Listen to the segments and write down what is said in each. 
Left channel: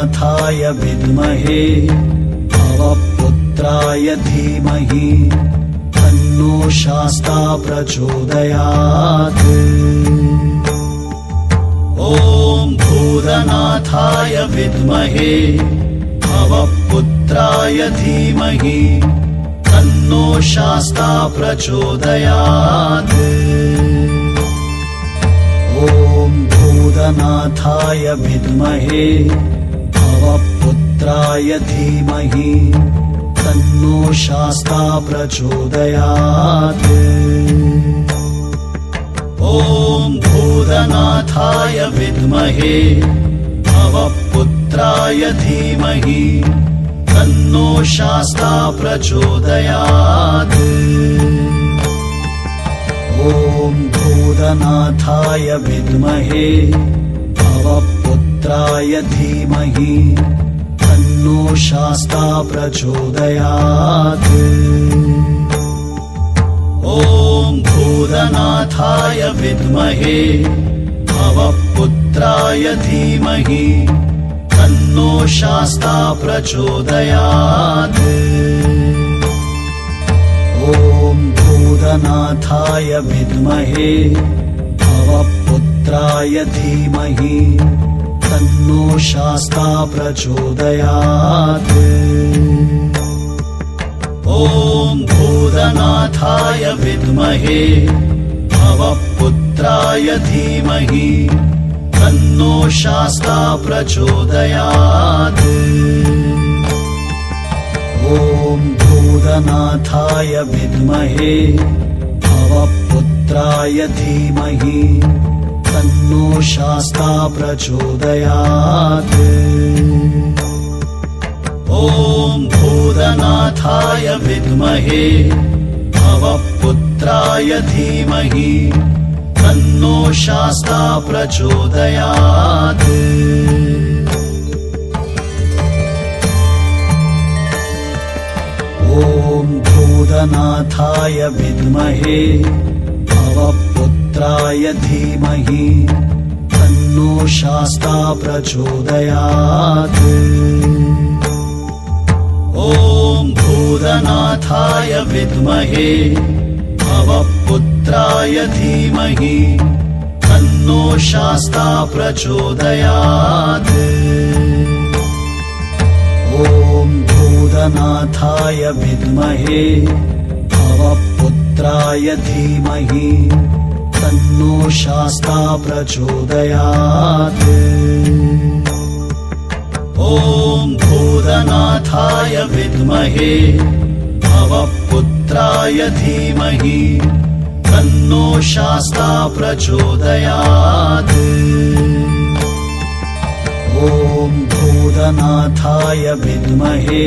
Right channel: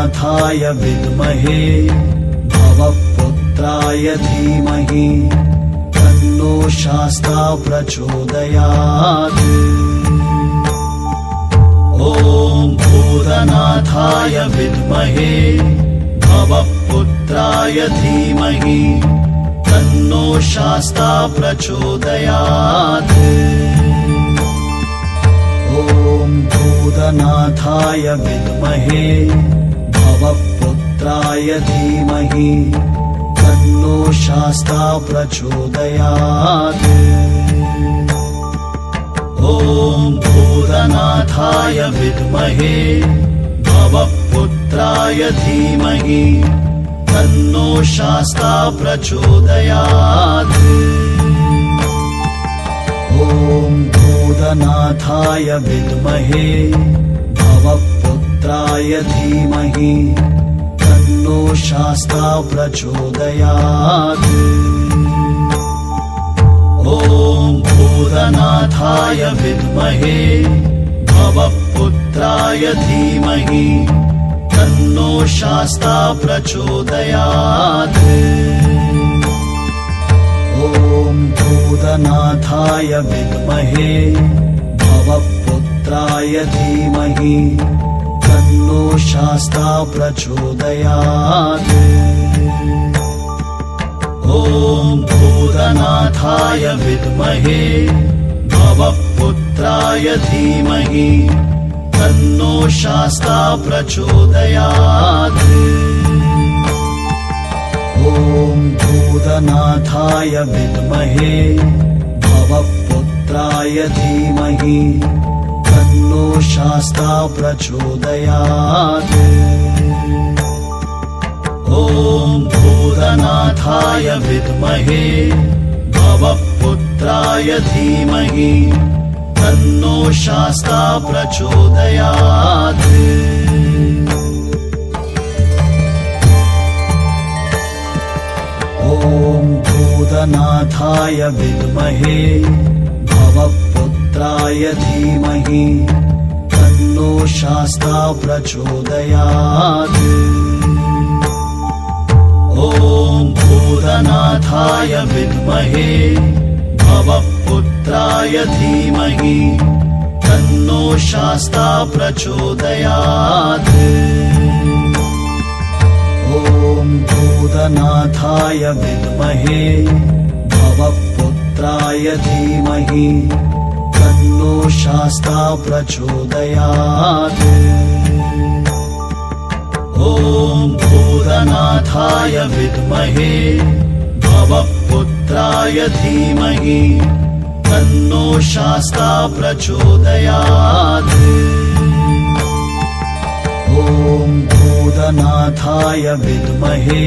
भूतनाथाय विद्महे भवपुत्राय धीमहि तन्नो शास्ता प्रचोदयात्। ॐ भूतनाथाय विद्महे भवपुत्राय धीमहि तन्नो शास्ता प्रचोदयात्। ॐ भूतनाथाय विद्महे भवपुत्राय धीमहि तन्नो शास्ता प्रचोदयात्। ॐ भूतनाथाय विद्महे भवपुत्राय धीमहि तन्नो शास्ता प्रचोदयात्। ॐ भूतनाथाय विद्महे भवपुत्राय धीमहि तन्नो शास्ता प्रचोदयात्। ॐ भूतनाथाय विद्महे भवपुत्राय धीमहि तन्नो शास्ता प्रचोदयात्। ॐ भूतनाथाय विद्महे भवपुत्राय धीमहि तन्नो शास्ता प्रचोदयात्। ॐ भूतनाथाय विद्महे भवपुत्राय धीमहि तन्नो शास्ता प्रचोदयात्। ॐ भूतनाथाय विद्महे भवपुत्राय धीमहि तन्नो शास्ता प्रचोदयात्। ॐ भूतनाथाय विद्महे भवपुत्राय धीमहि तन्नो शास्ता प्रचोदयात्। ॐ भूतनाथाय विद्महे भवपुत्राय धीमहि तन्नो शास्ता प्रचोदयात्। ॐ भूतनाथाय विद्महे भवपुत्राय धीमहि तन्नो शास्ता प्रचोदयात्। ॐ भूतनाथाय विद्महे भवपुत्राय धीमहि तन्नो शास्ता प्रचोदयात्। ॐ भूतनाथाय विद्महे भवपुत्राय धीमहि तन्नो शास्ता प्रचोदयात्। ॐ भूतनाथाय विद्महे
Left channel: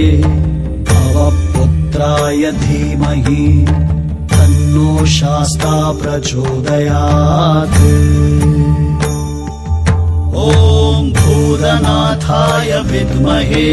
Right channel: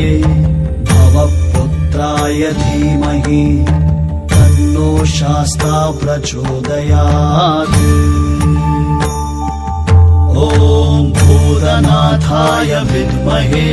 भवपुत्राय धीमहि तन्नो शास्ता प्रचोदयात्। ॐ भूतनाथाय विद्महे